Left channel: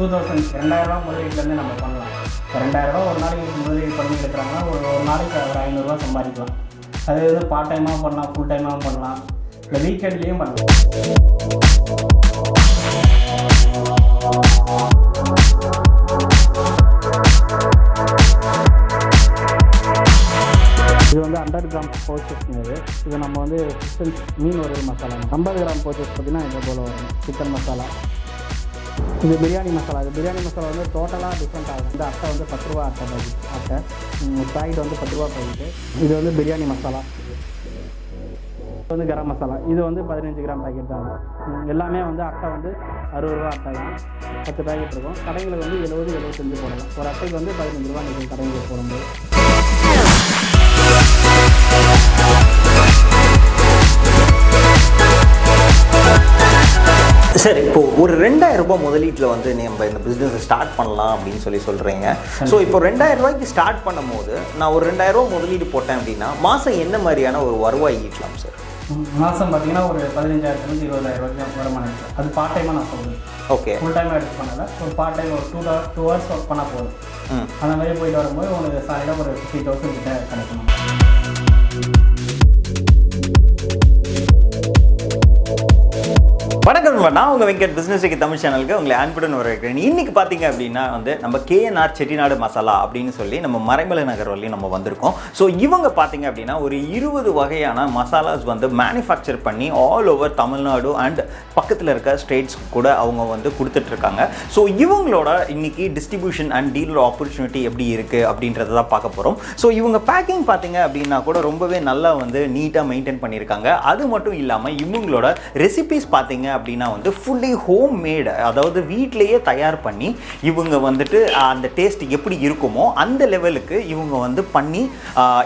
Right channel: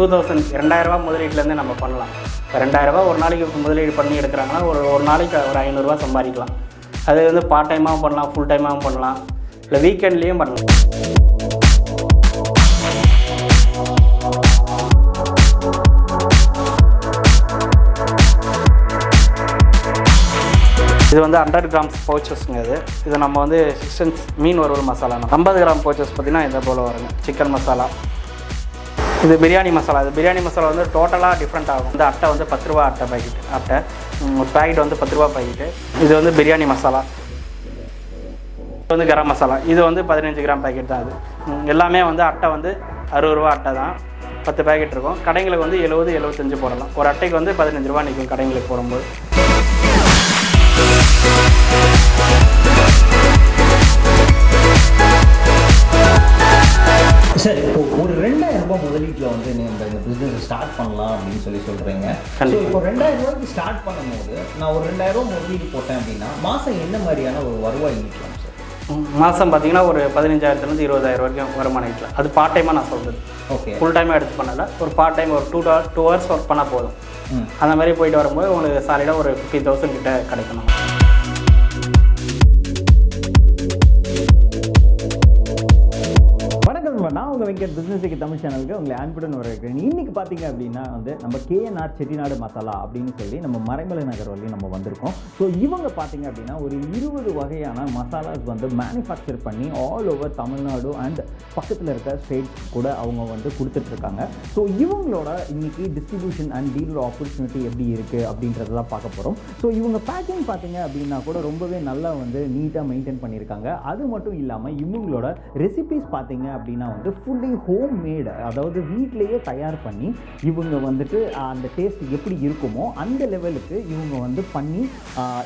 2000 2000 முதலீட்டிலேருந்து நம்ம பண்ணலாம். இப்போ 2000 ஒரு நாளைக்கு முதலீடு பண்ணி எடுக்கிறாங்கன்னா ஒரு நாளைக்கு ஒரு 500 சம்பாதிக்கலாம். அது வந்து பார்ட் டைமாகவும் பண்ணலாம், ஃபுல் டைமாகவும் பண்ணலாம், இல்லை வீக்கெண்ட்லேயும் பண்ணலாம். இது வந்து 100 கிராம்ஸ் பவுச்சஸ்ங்க. இது நம்ம வந்து மீன் வறுவல் மசாலா. 50 கிராம் பவுச்சஸ் பார்த்திங்கன்னா இந்த போல் வரும். சிக்கன் மசாலா. இது பிரியாணி மசாலா. இது பிரியாணி மசாலா வந்து டோட்டலாக டிஃப்ரெண்ட் ஆகும். இந்த அட்டை வந்து 10 ரூபா அட்டை பாக்கெட். ஒரு பாக்கெட் வந்து 10 ரூபா பாக்கெட்டு. இது வந்து பிரியாணி மசாலா. இது வந்து கரம் மசாலா. இது வந்து 15 கிராம் பாக்கெட் தான். அது எல்லாமே வந்து அட்டை வந்து 60 ரூபா அட்டை தான். 10 பாக்கெட் இருக்கும். கடைங்களுக்கு வந்து 70-75 போடலாம். ஒரு அட்டைக்கு வந்து 15 ரூபா நிற்கும் கடைங்களுக்கு போடும்போது. சரி, இப்போ ஒரு 2000 ரூபாய் முதலீட்டில் வந்து நம்ம இந்த பிஸ்னஸ் ஸ்டார்ட் பண்ணலாம் அப்படின்னு சொல்கிறீங்க. ஸோ இப்போ 2000 ரூபாய்க்கு ஸ்டார்ட் பண்ணும்போது நான் ஒரு 2000 ரூபா முதலீடு போட்டேன் அப்படின்னா மாதம் என்ன மாதிரியான ஒரு வருவாய் ஈட்டலாம் சார்? மாதம் பார்த்தீங்கன்னா ஒரு 15,000 20,000 வரைக்கும் வருமானம் ஈட்டலாம். அது பார்ட் டைமாக நான் சொல்கிறது. ஓகே, ஃபுல் டைமாக எடுத்து பண்ணல, ஒரு பார்ட் டைம் ஒரு 2 hours ஒர்க் பண்ணால் போதும். அந்த மாதிரி போயிட்டு வரும்போது உங்களுக்கு சாலிடாக ஒரு 50,000 கிட்ட கிடைக்கணும். வணக்கம், நான் உங்கள் வெங்கட் பிஸ்னஸ் டெக்கி தமிழ் சேனலுக்கு உங்களை அன்புடன் வரவேற்கிறேன். இன்றைக்கி பார்த்தீங்க அப்படின்னா வந்து நம்ம KNR செட்டிநாடு மசாலா அப்படின்னு சொல்லி நம்ம மறைமலை நகர் வரையும் நம்ம வந்திருக்கோம். ஸோ இவங்க பார்த்தீங்க அப்படின்னா ஒரு 20 வகையான மசாலாஸ் வந்து மேனுஃபேக்சர் பண்ணி ஆல் ஓவர் தமிழ்நாடு அண்ட் பக்கத்தில் இருக்க ஸ்டேட்ஸ் கூட அவங்க வந்து கொடுத்துட்ருக்காங்க. ஸோ இவங்களோட இன்றைக்கி டிஸ்ட்ரிபியூஷன் அண்ட் டீலர் ஆப்பர்ச்சுனிட்டி எப்படி இருக்குது அப்படின்றத தான் பார்க்க போகிறோம். ஸோ இவங்க பேக்கிங் பார்த்தீங்க அப்படின்னா கூட ரொம்பவே நல்லா வந்து நீட்டாக மெயின்டைன் பண்ணியிருக்காங்க. அது மட்டும் இல்லாமல் இவங்களோட ரெசிபிஸ் பார்த்தீங்க அப்படின்னா வந்து ஃபுல்லி ஹோம் மேடு, அதாவது வீட்டிலேயே தயார் பண்ணி இவங்க வந்துட்டு அந்த டேஸ்ட் எப்படி இருக்குமோ அந்த லெவலுக்கு இவங்க வந்து பண்ணி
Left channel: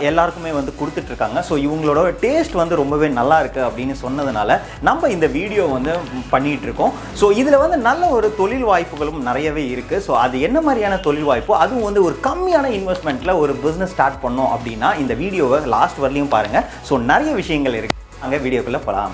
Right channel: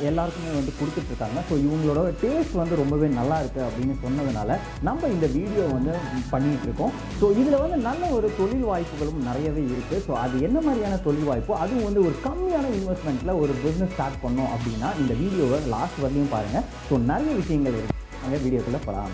எல்லாருக்குமே வந்து கொடுத்துட்ருக்காங்க. ஸோ இவங்களோட டேஸ்ட் வந்து ரொம்பவே நல்லா இருக்குது அப்படின்னு சொன்னதுனால நம்ம இந்த வீடியோ வந்து பண்ணிகிட்டு இருக்கோம். ஸோ இதில் வந்து நல்ல ஒரு தொழில் வாய்ப்புகளும் நிறையவே இருக்குது. ஸோ அது என்ன மாதிரியான தொழில் வாய்ப்போ, அதுவும் வந்து ஒரு கம்மியான இன்வெஸ்ட்மெண்ட்டில் ஒரு பிஸ்னஸ் ஸ்டார்ட் பண்ணோம் அப்படின்னா இந்த வீடியோவை லாஸ்ட் வரலையும் பாருங்கள். ஸோ நிறைய விஷயங்கள் இருக்குது. அங்கே வீடியோக்குள்ளே போகலாம்.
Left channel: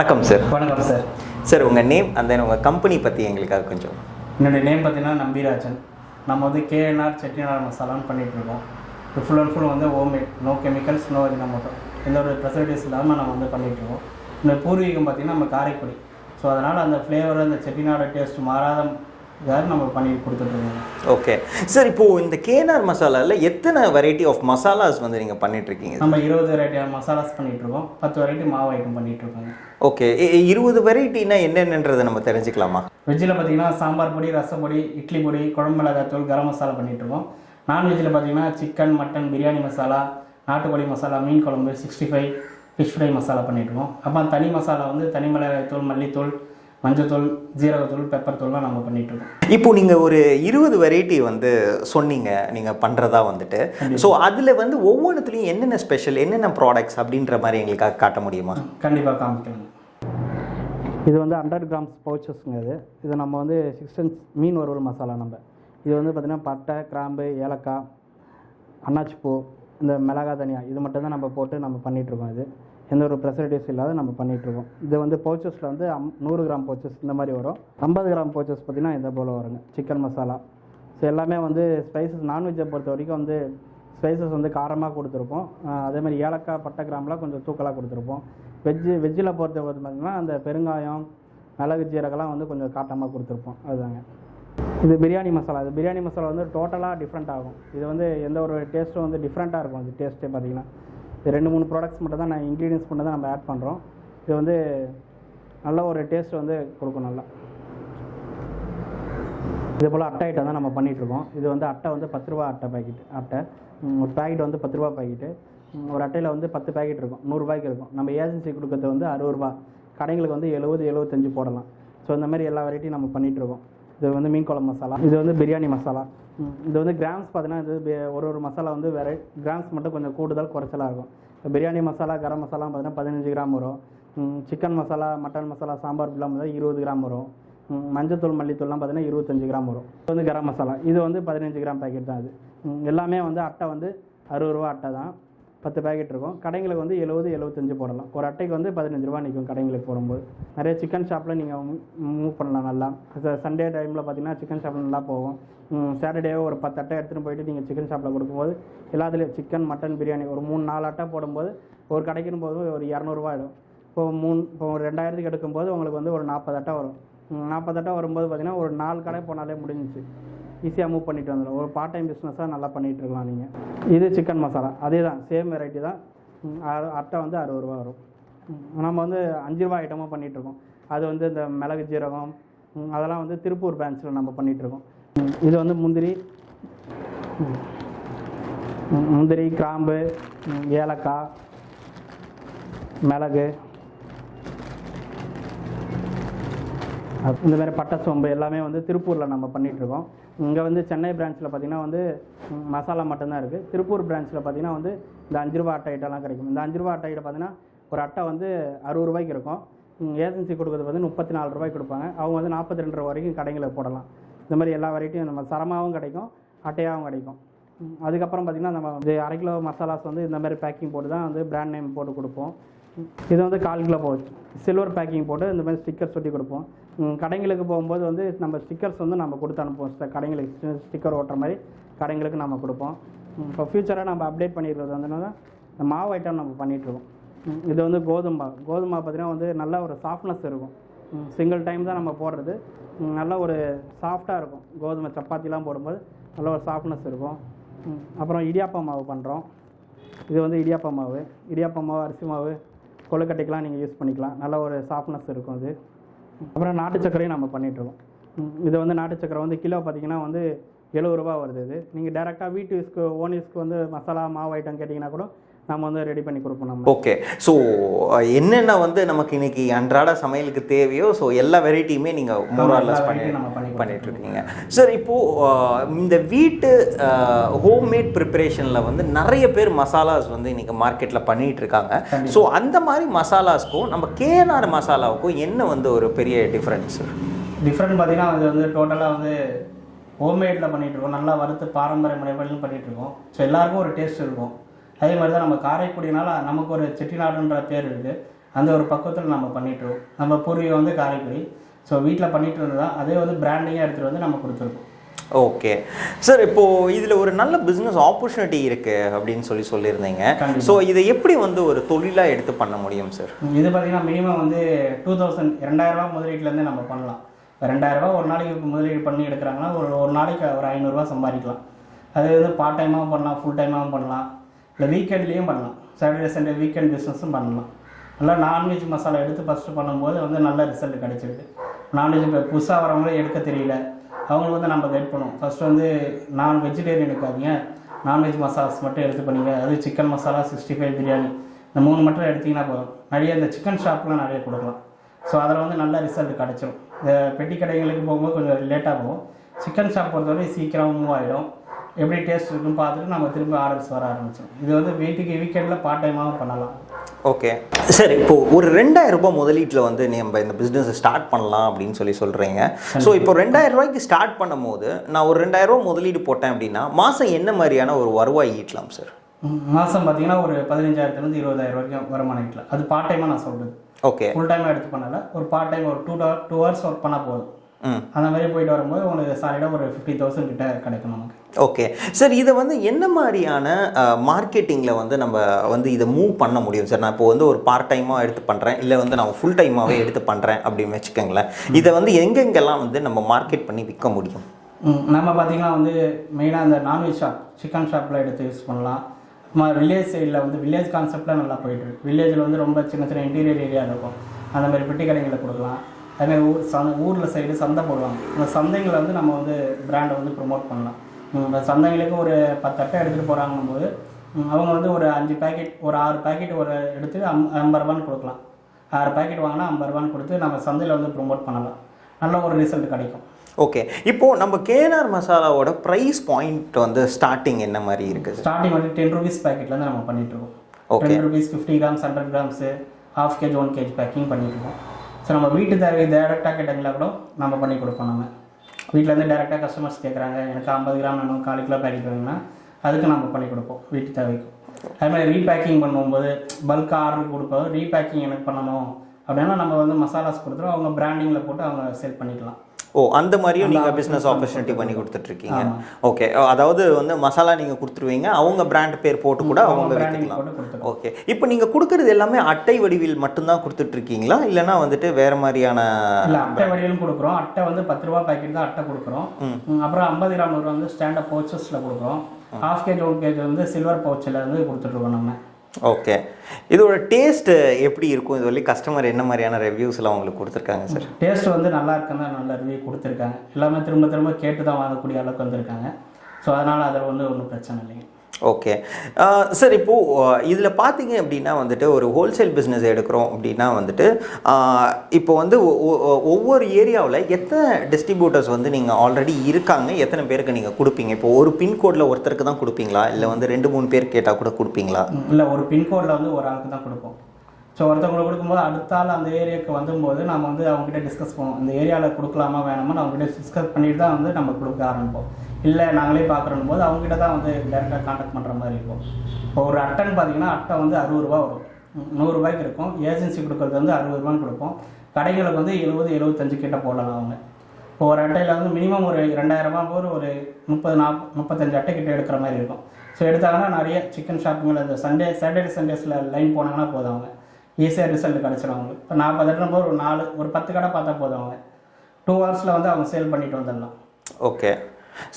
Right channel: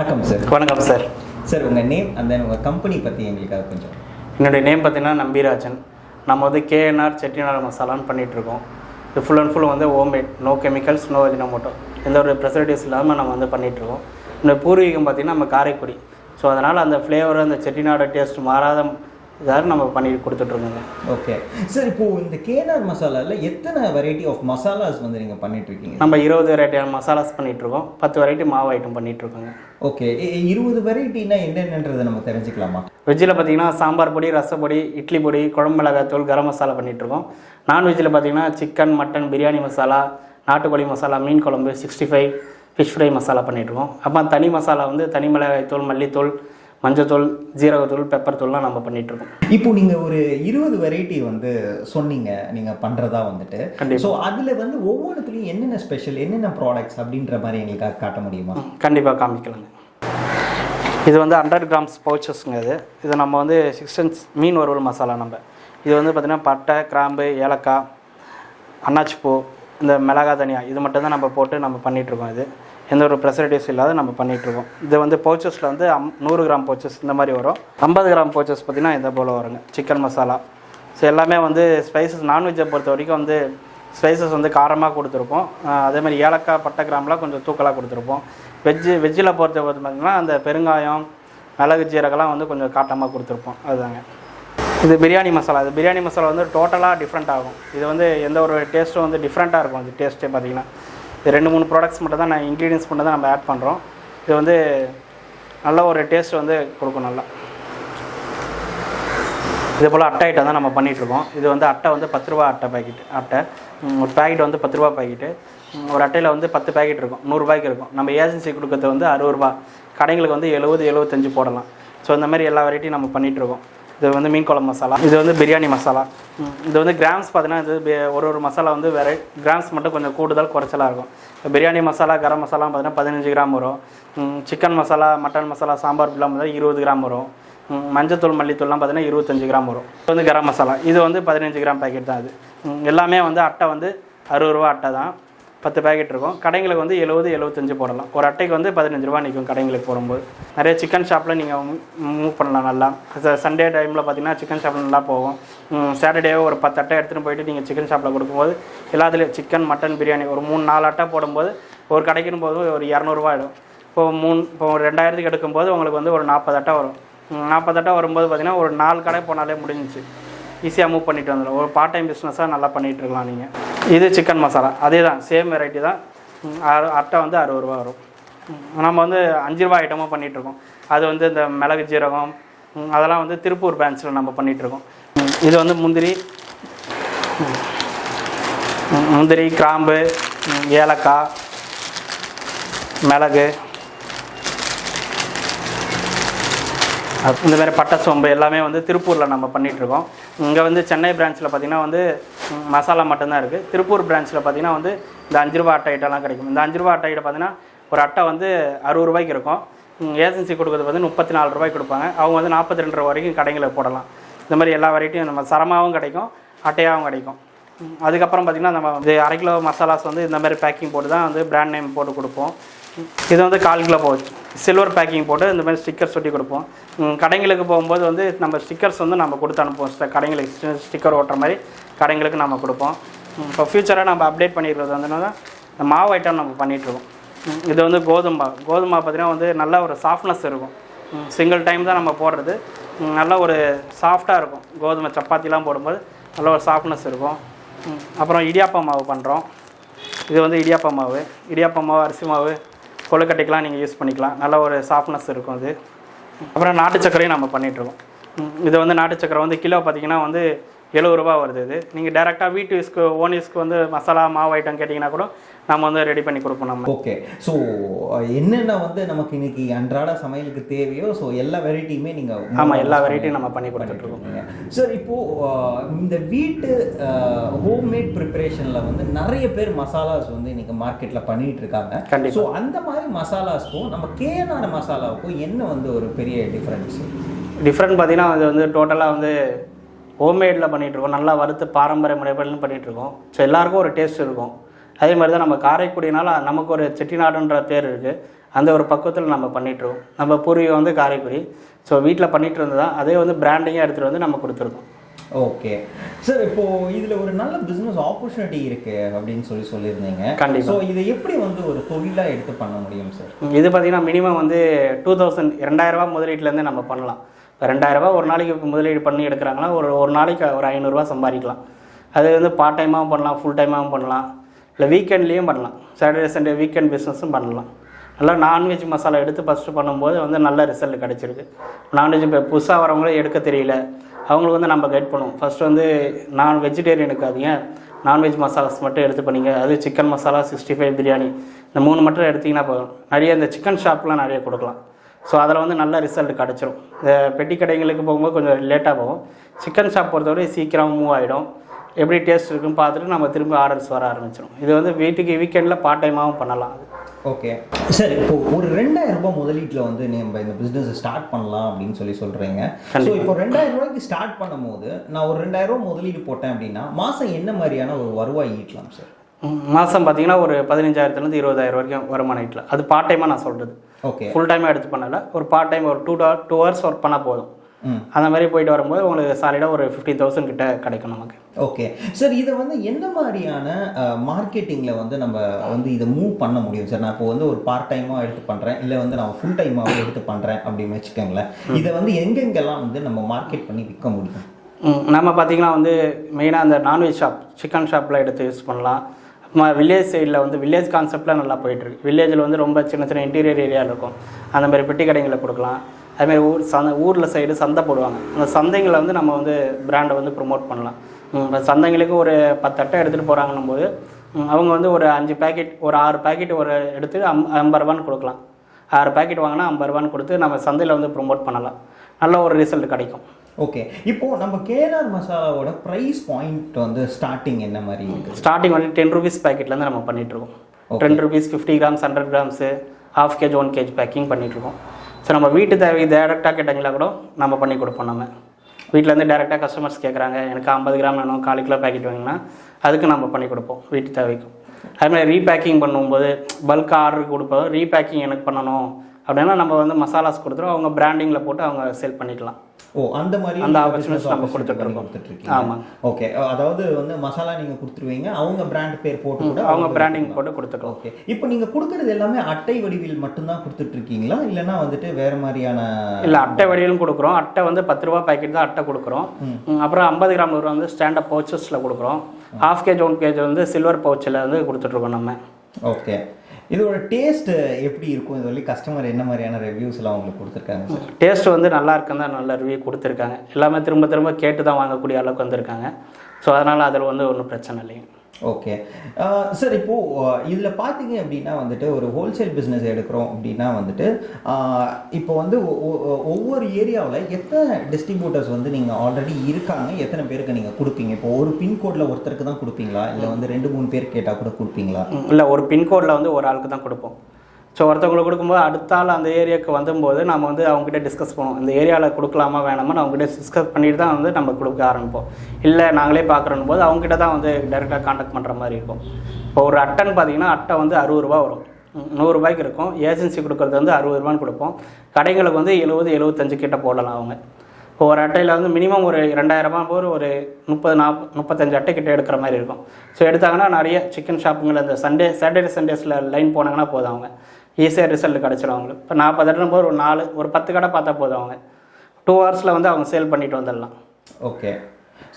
வணக்கம் சார். வணக்கம் சார். சார், உங்கள் நேம் அந்த உங்கள் கம்பெனி பற்றி எங்களுக்காக கொஞ்சம். என்னுடைய நேம் பார்த்தீங்கன்னா நம்பிராஜன். நம்ம வந்து KNR செட்டிநாடு மசாலான்னு பண்ணிகிட்ருக்கோம். இது ஃபுல் அண்ட் ஃபுல் வந்து homemade, no chemicals, no Ajinomoto, எந்த ஒரு ப்ரிசர்வேட்டிவ்ஸ் இல்லாமல் நம்ம வந்து பண்ணிகிட்ருக்கோம். இந்த பூர்வீகம் பார்த்திங்கன்னா நம்ம காரைக்குடி. ஸோ அதனால் அந்த ஃப்ளேவர், அந்த செட்டிநாடு டேஸ்ட் மாறாத இதாக நம்ம பண்ணி கொடுத்துட்ருக்கோங்க. ஓகே சார், இப்போது இந்த KNR மசாலாவில் எத்தனை வெரைட்டி ஆஃப் மசாலாஸ் வந்து நீங்கள் பண்ணிகிட்ருக்கீங்க? நம்ம 20 வெரைட்டியான மசாலாஸ் பண்ணிகிட்ருக்கோம். 10 வெரைட்டி மாவு ஐட்டம் பண்ணிகிட்ருக்கோங்க. ஓகே, 20 வெரைட்டினா என்னென்னன்றதை நம்ம தெரிஞ்சுக்கலாமா? வெஜ்ஜில் பார்த்தீங்கன்னா சாம்பார் பொடி, ரசப்பொடி, இட்லி பொடி, குழம்பு மிளகாத்தூள், கரம் மசாலா பண்ணிகிட்ருக்கோம். நான்வெஜ்ஜில் பார்த்தீங்கன்னா சிக்கன், மட்டன், பிரியாணி மசாலா, நாட்டுக்கோழி மசாலா, மீன் குழம்பு, 65, ஃபிஷ் ஃப்ரை மசாலா பண்ணிகிட்ருக்கோம். அப்புறம் தனி மசாலா வந்து தனி மிளகாய்த்தூள், மல்லித்தூள், மஞ்சத்தூள், ஜீரகத்தூள், பெப்பர் தூள்லாம் நம்ம பண்ணிகிட்ருக்கோம். இப்போ நீங்கள் ஒரு 20 வெரைட்டி வந்து சொன்னீங்க நீங்கள் பண்ணுறதா வந்துட்டு. ஸோ அதில் வந்து ஒவ்வொன்றுத்துலேயும் என்னென்ன ஸ்பெஷல், என்னென்ன ப்ராடக்ட்ஸ் அப்படின்ற மாதிரி எங்களுக்காக காட்ட முடியுமா? கண்டிப்பாக காமிக்கலாங்க. இது வந்து 100 கிராம்ஸ் பவுச்சஸ்ங்க. இது நம்ம வந்து 6 மீன் வறுவல் மசாலா. இது வந்து பார்த்திங்கன்னா பட்டை, கிராம்பு, ஏலக்காய், அன்னாச்சிப்பூ, இந்த மிளகா, தனியா, இது மட்டும் தான் நம்ம போட்டு நம்ம பண்ணிகிட்ருக்கோம். இது எந்த ஒரு ப்ரெசர்வேட்டிவ்ஸ் இல்லாத நம்ம பண்ணிகிட்ருக்கோம். இது வந்து பவுச்சஸில் வந்து 100 கிராம் பவுச்சஸ் இந்த மாதிரி வரும். 50 கிராம் பவுச்சஸ் பார்த்திங்கன்னா இந்த போல் வருங்க. சிக்கன் மசாலா. ஸோ எல்லாமே வந்து ஸ்பைசஸ், நான்வெஜ்ஜை பொறுத்த வரைக்கும் வந்து ஸ்பைசஸ் வந்து காரமாக கொடுத்துருப்போம். அதே மாதிரி ஏலக்காய், பட்டை, கிராம்பெலாம் கொஞ்சம் தூக்கலாக கொடுத்துருப்போம். வெஜ்ஜில் பொறுத்த பார்த்திங்கன்னா அந்த பெருங்காயம், மிளகு, ஜீரகெல்லாம் வந்து கொஞ்சம் காட்டமாக கொடுத்துருப்போம். அதுதாங்க. இது பிரியாணி மசாலா. இது பிரியாணி மசாலா வந்து டோட்டலாக டிஃப்ரெண்ட் ஆகும். இது வந்து எந்த ஒரு டேஸ்ட்டும் வந்து டிஃப்ரெண்ட்டாக இருக்கும். அது டேஸ்ட்டே பார்த்திங்கன்னா இது 2-3 ப்ராடக்ட்ஸ் மட்டும் தான், இன்க்ரீடியன்ஸ் மட்டும் தான் நம்ம ஆட் பண்ணுறோம். இது வந்து நல்ல ஒரு டேஸ்ட் வந்து கொடுக்கும் நல்லா. இதே போல் அட்டை ஐட்டம் தான் நம்ம பண்ணிகிட்ருக்கோம். இது வந்து அட்டை வந்து 10 ரூபா அட்டை பாக்கெட். அட்டை ஒரு பாக்கெட் வந்து 10 ரூபா பாக்கெட்டு. ஒரு அட்டையில் வந்து 10 பாக்கெட் இருக்கும், 100 ரூபாய்க்கு இருக்கும். நம்ம ஏஜென்சி கொடுக்கறது வந்து 60 ரூபா, கடைங்களுக்கு வந்து 70-75 போடலாம். ஸோ இந்த மாதிரி எல்லா வெரைட்டியும் நம்ம பண்ணிகிட்ருக்கோம். இது வந்து மீன் குழம்பு மசாலா, இது வந்து பிரியாணி மசாலா. இது வந்து கிராம்ஸ் பார்த்தீங்கன்னா இது ஒரு மசாலா வந்து வேறு கிராம்ஸ் மட்டும் கொஞ்சம் கூடுதல் குறைச்சலாக இருக்கும். இப்போ பிரியாணி மசாலா கரம் மசாலா பார்த்தீங்கன்னா 15 கிராம் வரும். சிக்கன் மசாலா மட்டன் மசாலா சாம்பார் பில்லாம் பார்த்தா 20 கிராம் வரும். மஞ்சத்தூள் மல்லித்தூள்லாம் பார்த்தீங்கன்னா 25 கிராம் வரும். இது வந்து கரம் மசாலா, இது வந்து 15 கிராம் பேக்கெட் தான். அது எல்லாமே வந்து அட்டை வந்து 60 ரூபா அட்டை தான். 10 பேக்கெட் இருக்கும். கடைங்களுக்கு வந்து 70-75 போடலாம். ஒரு அட்டைக்கு வந்து 15 ரூபா நிற்கும் கடைங்களுக்கு போடும்போது. நிறைய சிக்கன் ஷாப்பில் நீங்கள் மூவ் பண்ணலாம் நல்லா. சண்டே டைமில் பார்த்தீங்கன்னா சிக்கன் ஷாப்பில் நல்லா போகும். சாட்டர்டேவே ஒரு 10 அட்டை எடுத்துகிட்டு போயிட்டு நீங்கள் சிக்கன் ஷாப்பில் கொடுக்கும்போது எல்லாத்துலேயும் சிக்கன் மட்டன் பிரியாணி ஒரு 3-4 அட்டை போடும்போது ஒரு கடைக்குன்னு போது ஒரு 200 ரூபா ஆகிடும். இப்போ 2000க்கு எடுக்கும்போது உங்களுக்கு வந்து ஒரு 40 அட்டை வரும். 40 அட்டை வரும்போது பார்த்தீங்கன்னா ஒரு 4 கடை போனாலே முடிஞ்சிச்சு. ஈஸியாக மூவ் பண்ணிட்டு வந்துடும். ஒரு பார்ட் டைம் பிஸ்னஸாக நல்லா பண்ணிகிட்டு இருக்கலாம் நீங்கள். இது சிக்கன் மசாலா, அதே தான் சேம் வெரைட்டி தான். அட்டை வந்து 60 ரூபா வரும். நம்ம வந்து 5 ரூபா ஐட்டமும் பண்ணிகிட்ருக்கோம். அது வந்து இந்த மிளகு ஜீரகம் அதெல்லாம் வந்து திருப்பூர் பிரான்ச்சில் நம்ம பண்ணிகிட்ருக்கோம். இது வந்து முந்திரி கிராம்பு ஏலக்காய் மிளகு இந்த மாதிரி பட்டை சோம்பு எல்லாமே வந்து திருப்பூரில் நம்ம பண்ணிகிட்ருக்கோம். இங்கே வந்து சென்னை பிரான்ச்சில் பார்த்திங்கன்னா வந்து மசாலா மட்டும்தான் இருக்குது. திருப்பூர் பிரான்ச்சில் பார்த்திங்கன்னா வந்து இந்த 5 ரூபா அட்டை ஐட்டம்லாம் கிடைக்கும். இந்த 5 ரூபா அட்டை ஐட்டம் பார்த்திங்கன்னா ஒரு அட்டை வந்து 60 ரூபாய்க்கு இருக்கும். ஏஜென்சி கொடுக்குறது வந்து 34 ரூபாய்க்கு கொடுப்பாங்க. அவங்க வந்து 42 ரூபா வரைக்கும் கடைங்களை போடலாம். இந்த மாதிரி எல்லா வெரைட்டியும் நம்ம சரமாகவும் கிடைக்கும், அட்டையாகவும் கிடைக்கும். அதுக்கப்புறம் பார்த்திங்கன்னா நம்ம இது 1/2 கிலோ மசாலாஸ் வந்து இந்த மாதிரி பேக்கிங் போட்டு தான் வந்து பிராண்ட் நேம் போட்டு கொடுப்போம். இது வந்து 1/4 கிலோ போச்சு சில்வர் பேக்கிங் போட்டு இந்த மாதிரி ஸ்டிக்கர்ஸ் ஒட்டி கொடுப்போம். கடைங்களுக்கு போகும்போது வந்து நம்ம ஸ்டிக்கர்ஸ் வந்து நம்ம கொடுத்து அனுப்புவோம். கடைங்களுக்கு ஸ்டிக்கர் ஓட்டுற மாதிரி கடைங்களுக்கு நம்ம கொடுப்போம். இப்போ ஃப்யூச்சராக நம்ம அப்டேட் பண்ணிடுறது வந்து இந்த மாவு ஐட்டம் நம்ம பண்ணிகிட்ருக்கோம். இது வந்து கோதுமை பார்த்திங்கன்னா வந்து நல்ல ஒரு சாஃப்ட்னஸ் இருக்கும். சிங்கிள் டைம் தான் நம்ம போடுறது. நல்ல ஒரு சாஃப்டாக இருக்கும். கோதுமை சப்பாத்திலாம் போடும்போது நல்ல ஒரு சாஃப்ட்னஸ் இருக்கும். அப்புறம் இடியாப்பம் மாவு பண்ணுறோம். இது வந்து இடியாப்பம் மாவு, அரிசி மாவு, கொழுக்கட்டைக்கெலாம் நீங்கள் யூஸ் பண்ணிக்கலாம். நல்ல ஒரு சாஃப்ட்னஸ் இருக்கும் அது. அப்புறம் நாட்டு சக்கரையும் நம்ம பண்ணிகிட்ருக்கோம். இது வந்து நாட்டு சக்கரை வந்து கிலோ பார்த்திங்கன்னா வந்து 70 ரூபா வருது. இது நீங்கள் டேரெக்டாக வீட்டு யூஸ்க்கு ஓன் யூஸ்க்கு வந்து மசாலா மாவு ஐட்டம் கேட்டிங்கன்னா கூட நம்ம வந்து ரெடி பண்ணி கொடுப்போம் நம்ம. ஓகே, ஸோ என்னென்ன வந்து நமக்கு இன்றைக்கி அன்றாட சமையலுக்கு தேவையோ ஸோ எல்லா வெரைட்டியுமே நீங்கள் எல்லா வெரைட்டியும் நம்ம பண்ணிட்டு இருக்கீங்க சார். இப்போது இந்த வீட்டு ஹோம்மேட் ப்ரிப்பரேஷனில் வந்து நிறைய பேர் மசாலாஸ் வந்து இன்றைக்கி மார்க்கெட்டில் பண்ணிகிட்டு இருக்காங்க. ஸோ அந்த மாதிரி மசாலாஸ்க்கும் நம்ம KNR மசாலாவுக்கும் என்ன வந்து ஒரு பெரிய டிஃப்ரெண்ட் பார்த்திங்கன்னா அது வந்து டோட்டலாக வந்து ஹோம்மேடில் பண்ணிகிட்ருக்கோம். நல்லா வறுத்து பாரம்பரிய முறைப்படிலும் பண்ணிகிட்ருக்கோம். ஸோ எல்லாேருக்கும் ஒரு டேஸ்ட் இருக்கும். அதே மாதிரி தான் நம்ம காரைக்குடினால நமக்கு ஒரு செட்டிநாடுன்ற பேர் இருக்குது. அந்த ஒரு பக்குவத்தில் நம்ம பண்ணிகிட்ருக்கோம். நம்ம பூர்வீகம் வந்து காரைக்குடி. ஸோ வீட்டில் பண்ணிகிட்டு இருந்ததான் அதே வந்து பிராண்டிங்காக எடுத்துகிட்டு வந்து நம்ம கொடுத்துருக்கோம். ஓகே சார், இப்போது இதில் ஒரு நல்ல பிஸ்னஸ் ஆப்பர்ச்சுனிட்டி இருக்குது அப்படின்னு சொல்லியிருந்தீங்க. கண்டிப்பாக. ஸோ இதை எப்படி வந்து ஒரு தொழிலாக எடுத்து பண்ண முடியும் சார்? இது பார்த்திங்கன்னா மினிமம் வந்து 2000 ரூபா முதலீட்டிலேருந்து நம்ம பண்ணலாம். 2000 ரூபா ஒரு நாளைக்கு முதலீடு பண்ணி எடுக்கிறாங்கன்னா ஒரு நாளைக்கு ஒரு 500 ரூபா சம்பாதிக்கலாம். அது வந்து பார்ட் டைமாகவும் பண்ணலாம், ஃபுல் டைமாகவும் பண்ணலாம், இல்லை வீக்கெண்ட்லேயும் பண்ணலாம். சாட்டர்டே சண்டே வீக்கெண்ட் பிஸ்னஸும் பண்ணலாம். நல்லா நான்வெஜ் மசாலா எடுத்து ஃபஸ்ட்டு பண்ணும்போது வந்து நல்ல ரிசல்ட் கிடச்சிருக்கு. நான்வெஜ் இப்போ புதுசாக வரவங்களே எடுக்க தெரியல, அவங்களுக்கு வந்து நம்ம கைட் பண்ணுவோம். ஃபஸ்ட்டு வந்து வெஜிடேரியன் எடுக்காதீங்க, நான்வெஜ் மசாலாஸ் மட்டும் எடுத்து பண்ணிங்க. அது சிக்கன் மசாலா, 65 பிரியாணி, இந்த 3 மட்டும் எடுத்திங்கன்னா போதும். நிறைய இந்த சிக்கன் ஷாப்லாம் நிறைய கொடுக்கலாம். ஸோ அதில் வந்து நல்ல ரிசல்ட் கிடச்சிரும். இந்த பெட்டி கடைங்களுக்கு போகும்போது கொஞ்சம் லேட்டாக போகும். சிக்கன் ஷாப் பொறுத்தவரை சீக்கிரம் மூவ் ஆகிடும். எப்படி டேஸ்ட் இருக்குன்னு பார்த்துட்டு நம்ம திரும்ப ஆர்டர்ஸ் வர ஆரம்பிச்சிடும். இது வந்து வீக்கெண்டில் பார்ட் டைமாகவும் பண்ணலாம். ஓகே சார், இப்போது ஒரு 2000 ரூபாய் முதலீட்டில் வந்து நம்ம இந்த பிஸ்னஸை ஸ்டார்ட் பண்ணலாம் அப்படின்னு சொல்கிறீங்க. ஸோ இப்போ 2000 ரூபாய்க்கு ஸ்டார்ட் பண்ணும்போது நான் ஒரு 2000 ரூபா முதலீடு போட்டேன் அப்படின்னா மாதம் என்ன மாதிரியான ஒரு வருவாய் ஈட்டலாம் சார்? மாதம் பார்த்தீங்கன்னா ஒரு 15,000 to 20,000 வரைக்கும் வருமானம் ஈட்டலாம். அது பார்ட் டைமாக நான் சொல்கிறது. ஓகே, ஃபுல் டைமாக எடுத்து பண்ணல, ஒரு பார்ட் டைம் ஒரு 2 hours ஒர்க் பண்ணால் போதும். அந்த மாதிரி போயிட்டு வரும்போது உங்களுக்கு சாலிடாக ஒரு 50,000 கிட்ட கிடைக்கும் நமக்கு. ஓகே சார், இதை வந்து என்ன மாதிரியான மார்க்கெட்டிங்கில் வந்து நம்ம வந்து இதை மூவ் பண்ண முடியும் சார்? நான் இப்போ வந்து ஒரு பார்ட் டைமாக எடுத்து பண்ணுறேன், இல்லை வந்து நான் ஃபுல் டைமாகவே எடுத்து பண்ணுறேன் அப்படின்னு வச்சுக்கோங்களேன். இதை வந்து எங்கெங்கெல்லாம் வந்து நம்ம மார்க்கெட் பண்ணி விற்க முடியும்? நம்ம பார்த்திங்கன்னா வந்து மெயினாக அந்த நான்வெஜ் ஷாப், சிக்கன் ஷாப்பில் எடுத்து யூஸ் பண்ணலாம். வில்லேஜ் சைடில் வந்து வில்லேஜ் கான்செப்டில் நல்லா போயிட்டுருக்கு. வில்லேஜில் வந்து ரொம்ப சின்ன சின்ன இன்டீரியர் ஏரியாவில் இருக்கும். அந்த மாதிரி பெட்டி கடைங்களை கொடுக்கலாம். அதுமாதிரி ஊரில் சைடு சந்தை போடுவாங்க. அந்த சந்தைங்களை வந்து நம்ம வந்து பிராண்டை வந்து ப்ரொமோட் பண்ணலாம். சந்தைங்களுக்கு ஒரு 10 அட்டை எடுத்துகிட்டு போகிறாங்கன்னும் போது அவங்க வந்து ஒரு 5 பேக்கெட் ஒரு 6 பேக்கெட் ஒரு எடுத்து 50 ரூபான்னு கொடுக்கலாம். 6 பேக்கெட் வாங்கினா 50 ரூபான்னு கொடுத்து நம்ம சந்தையில் வந்து ப்ரொமோட் பண்ணலாம். நல்ல ஒரு ரிசல்ட் கிடைக்கும். ஓகே, இப்போது நம்ம KNR மசாலாவோட ப்ரைஸ் பாயிண்ட் வந்து ஸ்டார்டிங் என்ன மாதிரி இருக்குது? ஸ்டார்டிங் வந்து 10 rupees பேக்கெட்லேருந்து நம்ம பண்ணிகிட்ருக்கோம். 10 rupees 50 grams 100 grams ½ kg 1 kg packing பண்ணிகிட்ருக்கோம். ஸோ நம்ம வீட்டு தேவை டேரெக்டாக கேட்டாங்களா கூட நம்ம பண்ணி கொடுப்போம். நம்ம வீட்டிலேருந்து டேரெக்டாக கஸ்டமர்ஸ் கேட்குறாங்க, எனக்கு 50 கிராம் வேணும் 1/4 கிலோ பேக்கெட் வேணும்னா அதுக்கு நம்ம பண்ணி கொடுப்போம் வீட்டு தேவைக்கும். அதுமாதிரி ரீபேக்கிங் பண்ணும்போது பல்க் ஆர்டர் கொடுப்போம், ரீபேக்கிங் எனக்கு பண்ணணும் அப்படின்னா நம்ம வந்து மசாலாஸ் கொடுத்துருவோம், அவங்க பிராண்டிங்கில் போட்டு அவங்க சேல் பண்ணிக்கலாம். ஓ, அந்த மாதிரியும் நீங்கள் பிஸ்னஸ் ஆப்பர்ச்சுனிட்டி பண்ணி கொடுத்துட்ருக்கீங்க. ஆமாம். ஓகே, அதாவது வந்து மசாலா நீங்கள் கொடுத்துருவீங்க, அவங்க பிராண்ட் பேர் போட்டு கூட அவங்க பிராண்டிங் போட்டு கொடுத்துருவோம். ஓகே, இப்போ நீங்கள் கொடுக்குறது எல்லாமே அட்டை வடிவில் மட்டும்தான் கொடுத்துட்ருக்கீங்களா, இல்லைனா வந்துட்டு வேறு மாதிரியான? இல்லை, அட்டை வடிவிலும் கொடுக்குறோம். அட்டை வந்து 10 ரூபா பேக்கெட் தான் அட்டை கொடுக்குறோம். அப்புறம் 50 கிராம் வந்து ஸ்டாண்டப் பவுச்சஸில் கொடுக்குறோம். ½ kg 1 kg வந்து சில்வர் பவுச்சில் வந்து கொடுத்துட்ருக்கோம் நம்ம. ஓகே, இதோட டேஸ்ட் எப்படி இருக்கும்? இது வரைக்கும் கஸ்டமர் என்ன மாதிரியான ரிவ்யூஸ்லாம் உங்களுக்கு கொடுத்துருக்காங்க சார்? டேஸ்ட் வந்து நல்லா இருக்குன்னு தான் நல்ல ரிவ்யூ கொடுத்துருக்காங்க. எல்லாமே திரும்ப திரும்ப கேட்டு தான் வாங்கக்கூடிய அளவுக்கு வந்திருக்காங்க. ஸோ அதனால் அதில் வந்து ஒன்றும் பிரச்சனை இல்லைங்க. ஓகே சார், இப்போது இதில் பார்த்தீங்க அப்படின்னா வந்துட்டு ஒரு ஹோல்சேல் பிஸ்னஸ் எடுக்கிறோம் அப்படின்னா வந்துட்டு இப்போ வந்து ஒவ்வொரு ஏரியாவில் எத்தனை டிஸ்ட்ரிபியூட்டர்ஸ் வந்து நீங்கள் ஆல்ரெடி இருக்காங்க, எத்தனை பேருக்கு நீங்கள் கொடுப்பீங்க? இப்போ ஒரு பின்கோடில் ஒருத்தருக்கு தான் கொடுப்பீங்களா, இல்லை வந்து 2-3 பேர் கேட்டால் கூட கொடுப்பீங்களா? இல்லை, ஒரு பின்கோடில் வந்து ஒரு ஆளுக்கு தான் கொடுப்போம். ஸோ ஒருத்தவங்களுக்கு கொடுக்கும்போது அடுத்த ஆள் அந்த ஏரியாவுக்கு வரும்போது நம்ம வந்து அவங்ககிட்ட டிஸ்கஸ் பண்ணுவோம், இந்த ஏரியாவில் கொடுக்கலாமா வேணாமான்னு அவங்ககிட்ட டிஸ்கஸ் பண்ணிட்டு தான் வந்து நம்ம கொடுக்க ஆரம்பிப்போம். இல்லை நாங்களே பார்க்குறோம் போது அவங்ககிட்ட தான் வந்து டைரெக்டாக கான்டாக்ட் பண்ணுற மாதிரி இருக்கும். இப்போ ஒரு அட்டைன்னு பார்த்தீங்கன்னா அட்டை வந்து 60 ரூபா வரும், 100 ரூபாய்க்கு இருக்கும். ஏஜென்சி கொடுக்குறது வந்து 60 ரூபான்னு கொடுப்போம். கடைகளுக்கு வந்து 70-75 கிட்ட போடலாம் அவங்க. இப்போ ஒரு அட்டையில் வந்து மினிமம் ஒரு 2000 போது ஒரு 30-35 அட்டை கிட்ட எடுக்கிற மாதிரி இருக்கும். ஸோ எடுத்தாங்கன்னா நிறைய சிக்கன் ஷாப்புங்களை இந்த சாட்டர்டே சண்டேஸில் லைன் போனாங்கன்னா போதும், அவங்க ஈஸியாக ரிசல்ட் கிடச்சிடும் அவங்களுக்கு. இப்போ 40 இடத்துல போது ஒரு 10 கடை பார்த்தா போதும், அவங்க 2 ஹவர்ஸில் வந்து அவங்க சேல் பண்ணிட்டு வந்துடலாம். ஓகே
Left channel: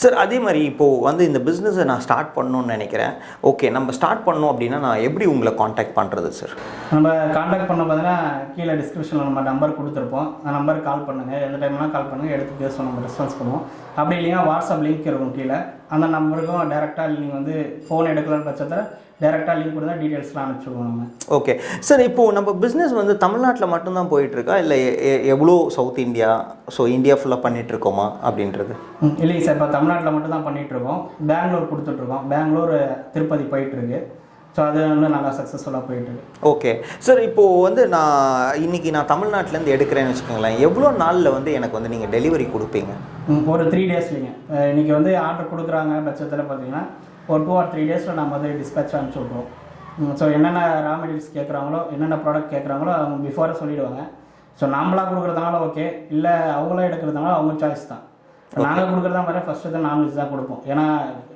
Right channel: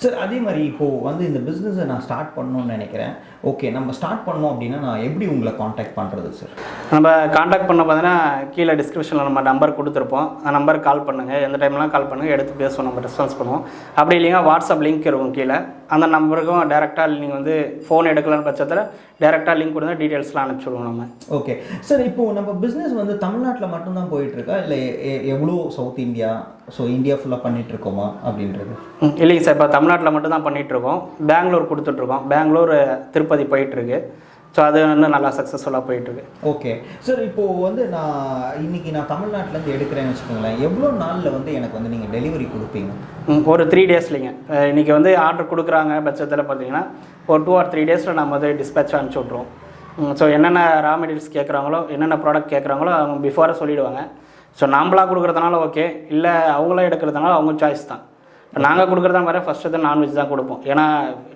சார், அதே மாதிரி இப்போது வந்து இந்த பிஸ்னஸை நான் ஸ்டார்ட் பண்ணணும்னு நினைக்கிறேன். ஓகே, நம்ம ஸ்டார்ட் பண்ணோம் அப்படின்னா நான் எப்படி உங்களை காண்டாக்ட் பண்ணுறது சார்? நம்ம காண்டாக்ட் பண்ண பார்த்தீங்கன்னா கீழே டிஸ்கிரிப்ஷனில் நம்ம நம்பர் கொடுத்துருப்போம். அந்த நம்பருக்கு கால் பண்ணுங்கள், எந்த டைம்லாம் கால் பண்ணுங்கள், எடுத்து பேசுவோம், நம்ம ரெஸ்பான்ஸ் பண்ணுவோம். அப்படி இல்லைங்க வாட்ஸ்அப் லிங்க் இருக்கும் கீழே, அந்த நம்பருக்கும் டேரெக்டாக நீங்கள் வந்து ஃபோன் எடுக்கலான்னு பட்சத்தில் டேரெக்டாக லிங்க் கொடுத்தா டீட்டெயில்ஸ்லாம் அனுப்பிச்சுடுவோம் நம்ம. ஓகே சார், இப்போது நம்ம பிஸ்னஸ் வந்து தமிழ்நாட்டில் மட்டும்தான் போயிட்டுருக்கா, இல்லை எவ்வளோ சவுத் இந்தியா, ஸோ இந்தியா ஃபுல்லாக பண்ணிகிட்ருக்கோமா அப்படின்றது? இல்லைங்க சார், இப்போ தமிழ்நாட்டில் மட்டும் தான் பண்ணிகிட்ருக்கோம். பெங்களூர் கொடுத்துட்ருக்கோம், பெங்களூர் திருப்பதி போயிட்டுருக்கு. ஸோ அது வந்து நல்லா சக்ஸஸ்ஃபுல்லாக போயிட்டுருக்கு. ஓகே சார், இப்போது வந்து இன்றைக்கி நான் தமிழ்நாட்டிலேருந்து எடுக்கிறேன்னு வச்சுக்கோங்களேன், எவ்வளோ நாளில் வந்து எனக்கு வந்து நீங்கள் டெலிவரி கொடுப்பீங்க? ஒரு 3 டேஸ்லிங்க. இன்றைக்கி வந்து ஆர்டர் கொடுக்குறாங்க பட்சத்தில் பார்த்தீங்கன்னா ஒரு 2 or 3 டேஸில் நம்ம வந்து டிஸ்பேச் அனுப்பிச்சி விட்ருவோம். ஸோ என்னென்ன ரா மெட்டீரியல்ஸ் கேட்குறாங்களோ, என்னென்ன ப்ராடக்ட் கேட்குறாங்களோ அவங்க பிஃபோராக சொல்லிவிடுவாங்க. ஸோ நாம்பளாக கொடுக்குறதுனால ஓகே, இல்லை அவங்களே எடுக்கிறதுனால அவங்க சாய்ஸ் தான். நாங்கள் கொடுக்குறதா மாதிரி ஃபஸ்ட்டு தான் நான்வெஜ் தான் கொடுப்போம். ஏன்னா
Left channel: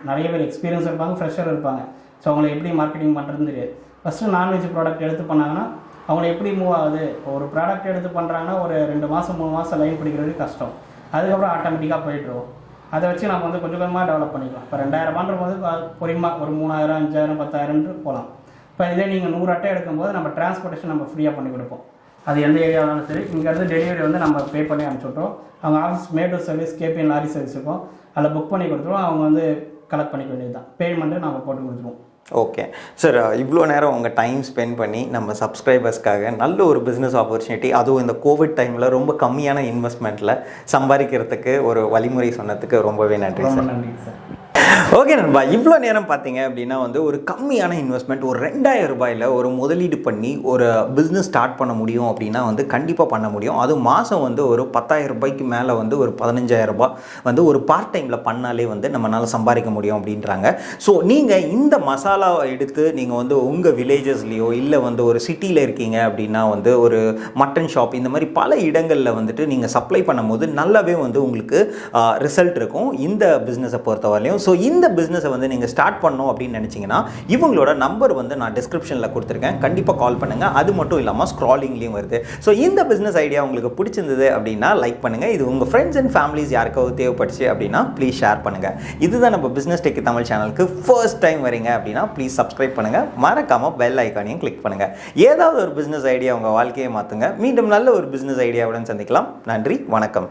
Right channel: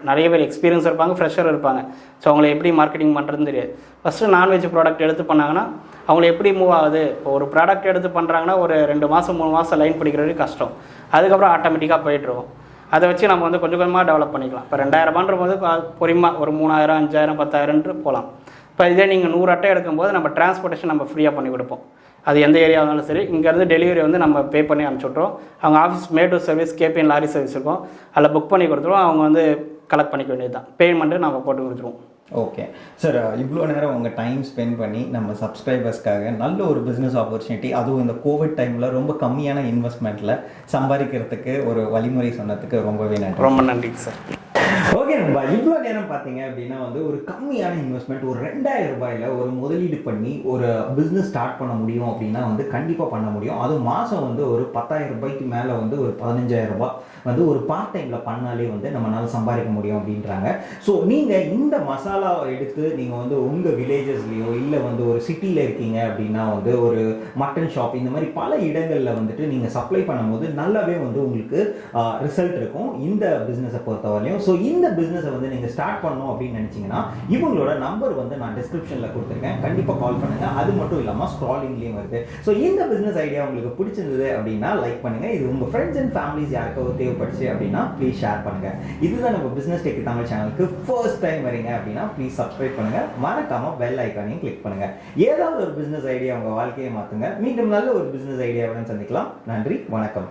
நிறைய பேர் எக்ஸ்பீரியன்ஸ் இருப்பாங்க, ஃப்ரெஷர் இருப்பாங்க. ஸோ அவங்களை எப்படி மார்க்கெட்டிங் பண்ணுறதுன்னு தெரியாது. ஃபஸ்ட்டு நான்வெஜ் ப்ராடக்ட் எடுத்து பண்ணாங்கன்னா அவங்கள எப்படி மூவ் ஆகுது. இப்போ ஒரு ப்ராடக்ட் எடுத்து பண்ணுறாங்கன்னா ஒரு 2 மாதம் 3 மாதம் லைன் பிடிக்கிறது கஷ்டம். அதுக்கப்புறம் ஆட்டோமேட்டிக்காக போயிட்டுருவோம். அதை வச்சு நம்ம வந்து கொஞ்சம் கொஞ்சமாக டெவலப் பண்ணிக்கலாம். இப்போ 2000 போது பொறிமாக ஒரு 3000 5000 10,000 போகலாம். இப்போ இதே நீங்கள் 100 அட்டை எடுக்கும்போது நம்ம டிரான்ஸ்போர்ட்டேஷன் நம்ம ஃப்ரீயாக பண்ணி கொடுப்போம். அது எந்த ஏரியா இருந்தாலும் சரி, இங்கேருந்து டெலிவரி வந்து நம்ம பே பண்ணி அனுப்பிச்சுட்றோம். அவங்க ஆஃபீஸ் மேடு சர்வீஸ் கேபிஎன் லாரி சர்வீஸ் இருக்கும், அதில் புக் பண்ணி கொடுத்துருவோம். அவங்க வந்து கலெக்ட் பண்ணிக்க வேண்டியது தான், பேமெண்ட்டு நம்ம போட்டு கொடுத்துருவோம். ஓகே சார், இவ்வளோ நேரம் உங்கள் டைம் ஸ்பெண்ட் பண்ணி நம்ம சப்ஸ்கிரைபர்ஸ்க்காக நல்ல ஒரு பிஸ்னஸ் ஆப்பர்ச்சுனிட்டி, அதுவும் இந்த கோவிட் டைமில் ரொம்ப கம்மியான இன்வெஸ்ட்மெண்ட்டில் சம்பாதிக்கிறதுக்கு ஒரு வழிமுறை சொன்னதுக்கு ரொம்பவே நன்றி. ரொம்ப நன்றி சார். ஓகே நண்பா, இவ்வளோ நேரம் பார்த்தீங்க அப்படின்னா வந்து ஒரு கம்மியான இன்வெஸ்ட்மெண்ட், ஒரு 2000 ரூபாயில் ஒரு முதலீடு பண்ணி ஒரு பிஸ்னஸ் ஸ்டார்ட் பண்ண முடியும் அப்படின்னா வந்து கண்டிப்பாக பண்ண முடியும். அது மாதம் வந்து ஒரு 10,000 ரூபாய்க்கு மேலே வந்து ஒரு 15,000 ரூபாய் வந்து ஒரு பார்ட் டைமில் பண்ணாலே வந்து நம்மளால் சம்பாதிக்க முடியும் அப்படின்றாங்க. ஸோ நீங்கள் இந்த மசாலாவை எடுத்து நீங்கள் வந்து உங்கள் வில்லேஜஸ்லேயோ இல்லை வந்து ஒரு சிட்டியில் இருக்கீங்க அப்படின்னா வந்து ஒரு மட்டன் ஷாப் இந்த மாதிரி பல இடங்களில் வந்துட்டு நீங்கள் சப்ளை பண்ணும்போது நல்லாவே வந்து உங்களுக்கு ரிசல்ட் இருக்கும் இந்த பிஸ்னஸை பொறுத்தவரையிலையும். ஸோ இந்த பிஸ்னஸை வந்து நீங்கள் ஸ்டார்ட் பண்ணணும் அப்படின்னு நினச்சிங்கன்னா இவங்களோட நம்பர் வந்து நான் டிஸ்கிரிப்ஷனில் கொடுத்துருக்கேன், கண்டிப்பாக கால் பண்ணுங்கள். அது மட்டும் இல்லாமல் ஸ்க்ராலிங்லேயும் வருது. ஸோ இந்த பிஸ்னஸ் ஐடியா உங்களுக்கு பிடிச்சிருந்தது அப்படின்னா லைக் பண்ணுங்கள். இது உங்கள் ஃப்ரெண்ட்ஸ் அண்ட் ஃபேமிலிஸ் யாருக்காவது தேவைப்பட்டுச்சு அப்படின்னா ப்ளீஸ் ஷேர் பண்ணுங்கள். இதுதான் நம்ம பிஸ்னஸ் டெக் தமிழ் சேனலுக்கு ஃபர்ஸ்ட் டைம் வரீங்க அப்படின்னா ப்ளீஸ் சப்ஸ்கிரைப் பண்ணுங்கள், மறக்காமல் பெல் ஐக்கானையும் கிளிக் பண்ணுங்கள். ஏதாவது ஒரு பிஸ்னஸ் ஐடியா உங்கள் வாழ்க்கையை மாற்றுங்க. மீண்டும் நல்ல ஒரு பிஸ்னஸ் ஐடியாவுடன் சந்திக்கலாம். நன்றி, வணக்கம்.